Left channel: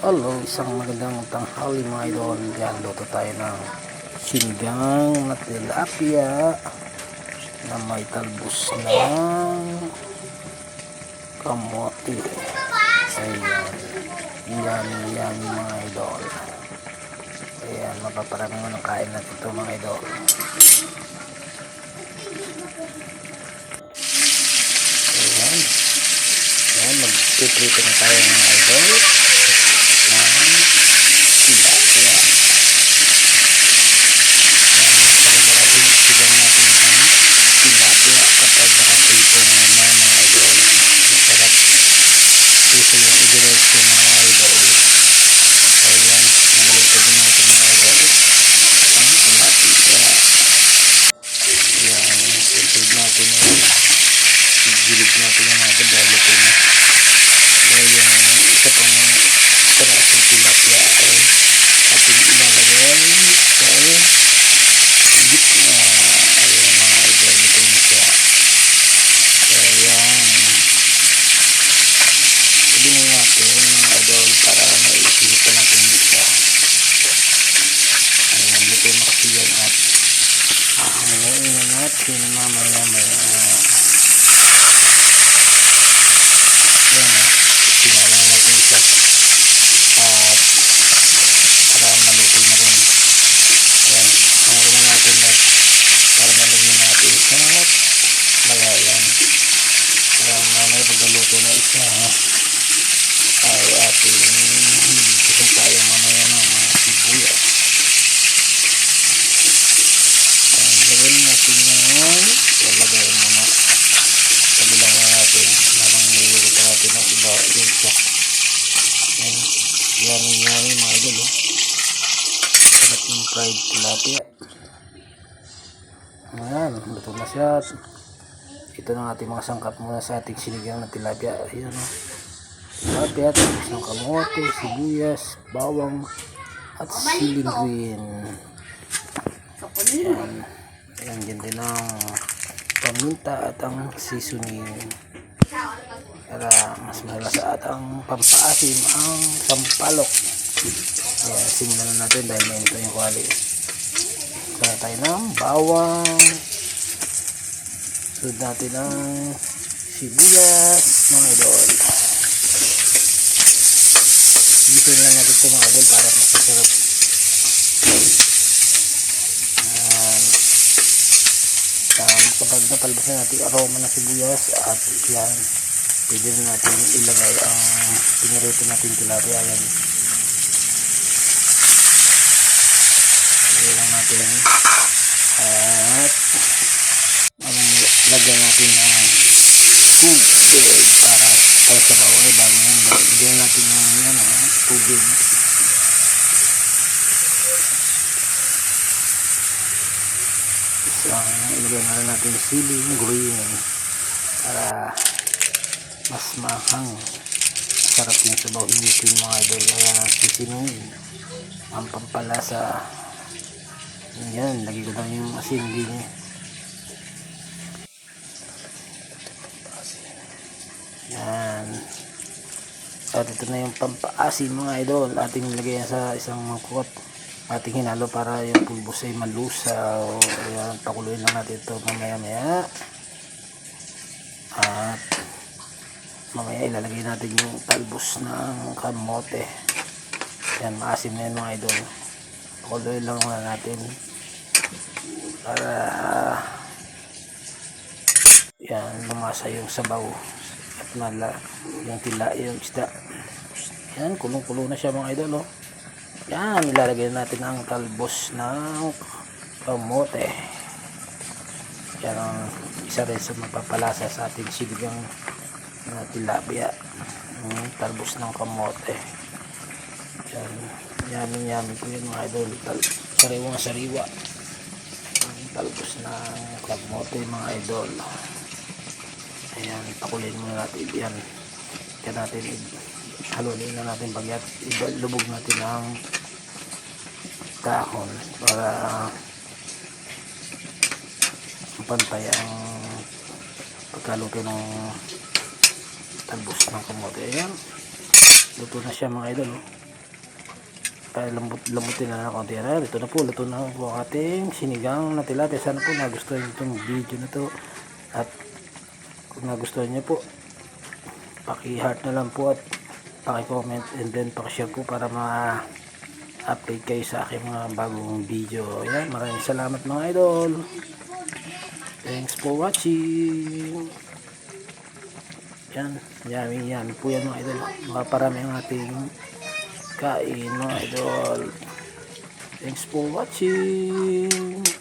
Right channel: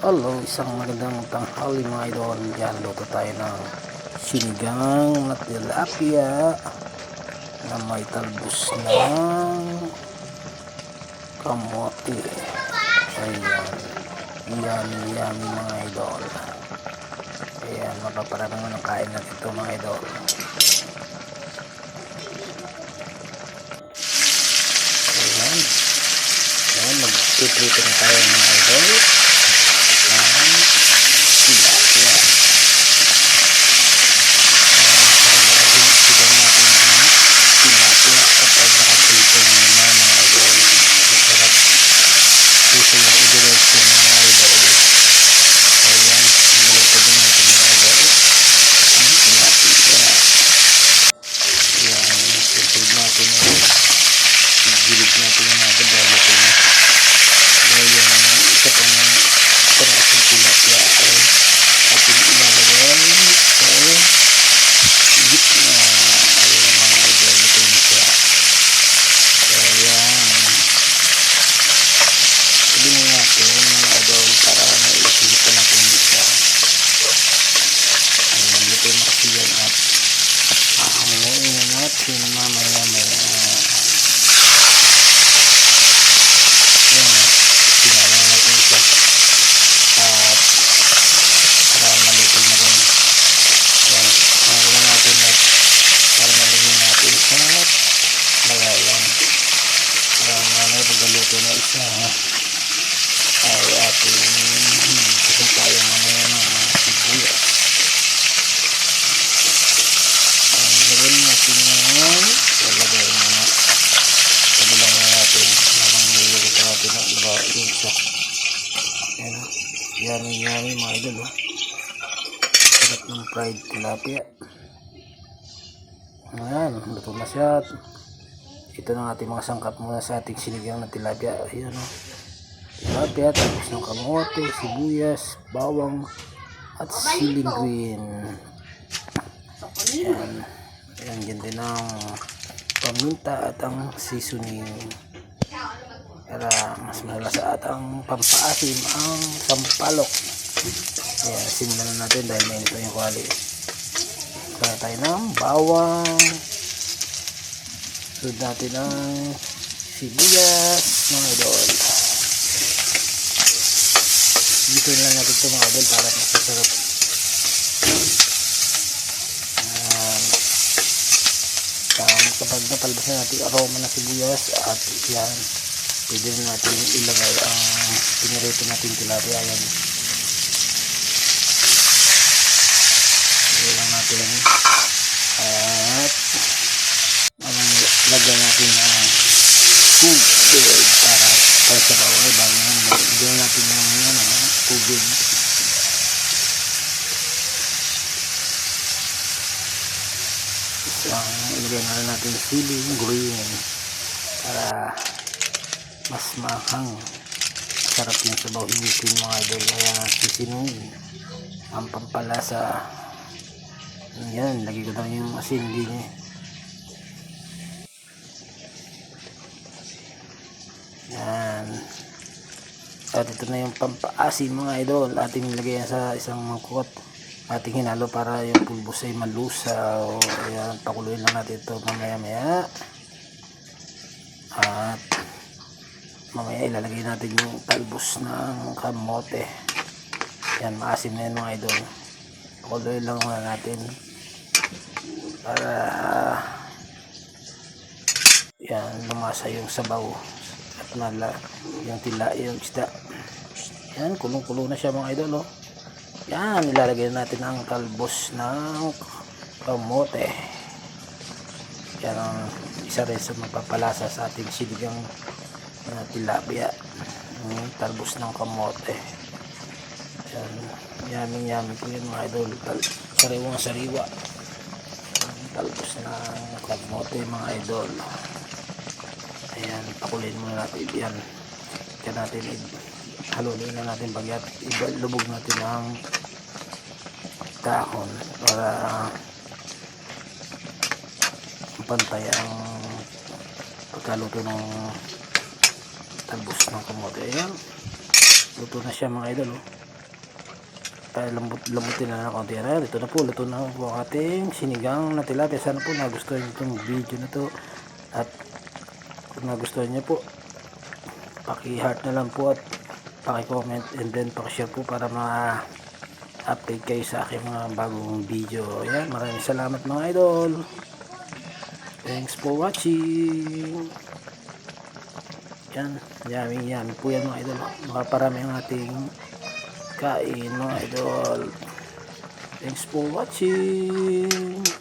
Hello, isang magandang tanghali mga idol. Yan, luto tayo ng sinigang na tilapia na may talbos ng kamote. Ayan. Yummy, yummy mga idol. Ayan, mapaparami mo ng kain natin ito mga idol. Ayan. Ayan, mag-prepare na tayo mga idol ng tilapia. Uh, Sarap-sarapin sigang natin ang tilapia kapag nakaprito mo na mga idol. Masarap. Puso yung idiretso mga idol. Ayan, balik din natin mga idol. Ang tilapia. Ayan, ipag natin gilid natin yung mga ito na. Dahil yung isa pang parasong tilapia ay ating ilalagay sa gitna ayun mga idol ito na siya ayan natin mga idol para naisipan natin siya ayan ito na kasi yan at ahanguin na natin mamaya maya ayan na sinala natin siya. At para maluto na rin. Yan ang ulan natin at para malagyan natin sa lagayan. Para mamaya pagkaluto na isa ay ating gusto tayo mamaya ng mga sibuyas ang lagyan natin yan lalagay muna kabilang na natin habang niluluto natin ang iba yung isa yan yummy yummy mga idol sarap ng fried tilapia ayan luto na siya ito ang ating mga sangkap muna sa ating sinigang na tilapia ayan oh. Tilapia tapos ng kamote sibuyas bawang at siling green. Ayan. Ayan dyan din ang paminta at ang seasoning. Para mas malasa at ang pampaasim ang sampalok. Ayan simulan na natin dahil mainit na yung kwali kaya tayo ng bawang. Sunod natin ang sibuyas mga idol dito lang natin ito mga idol para mas masarap ayan um, kapag napalbas na natin aroma ng sibuyas at yan pwede na natin ilagay ang pinirito natin tilapia. Yan ilagay lang natin. At ang lagyan natin ng tubig para para sa bawal bago yan. Lagyan natin ng ah, tubig. Isang ilagay na rin natin siling green para mas mahang. Sarap yung sabaw higupin mga idol. Kaya sisinungin ang pampalasa. Yan lagi ko na yung asin din eh. Yan at ito na yung pampaasin mga idol. Ating nilagay sa isang mangkot ating hinalo para yung pulbos ay malusaw ayan pakuluin lang natin ito mamaya maya at mamaya ilalagay natin yung talbos ng kamote. Yan maasim na yan mga idol. Pakuluin lang muna natin. Para yan lumasa yung sabaw nala yung tila yung isda. Yan kulong kulo na siya mga idol oh. yan ilalagay natin ang talbos ng kamote. Yan ang isa rin sa mapapalasa sa ating sinigang na tilapia. Yung talbos ng kamote. Yan yummy yummy po yun mga idol. Tal sariwang sariwa ang talbos ng kamote mga idol ayan pakulin muna natin yan kaya natin halunin na natin bagyat lubog natin ang kahon para pantay ang pagkaluto ng talbos ng kamote ayan luto na siya mga idol oh. Kaya lambot, lambutin na ng konti. Ayan, ito na po. Luto na po ang ating sinigang na tilapia. Sana po nagustuhan itong video na to. At kung nagustuhan niyo po, paki-heart na lang po at paki-comment and then paki-share po para ma-update kayo sa aking mga bagong video. Ayan, maraming salamat mga idol. Thanks for watching. Yan, yummy, yummy po yan mga idol. Maparami ang ating kain mga idol. Thanks for watching.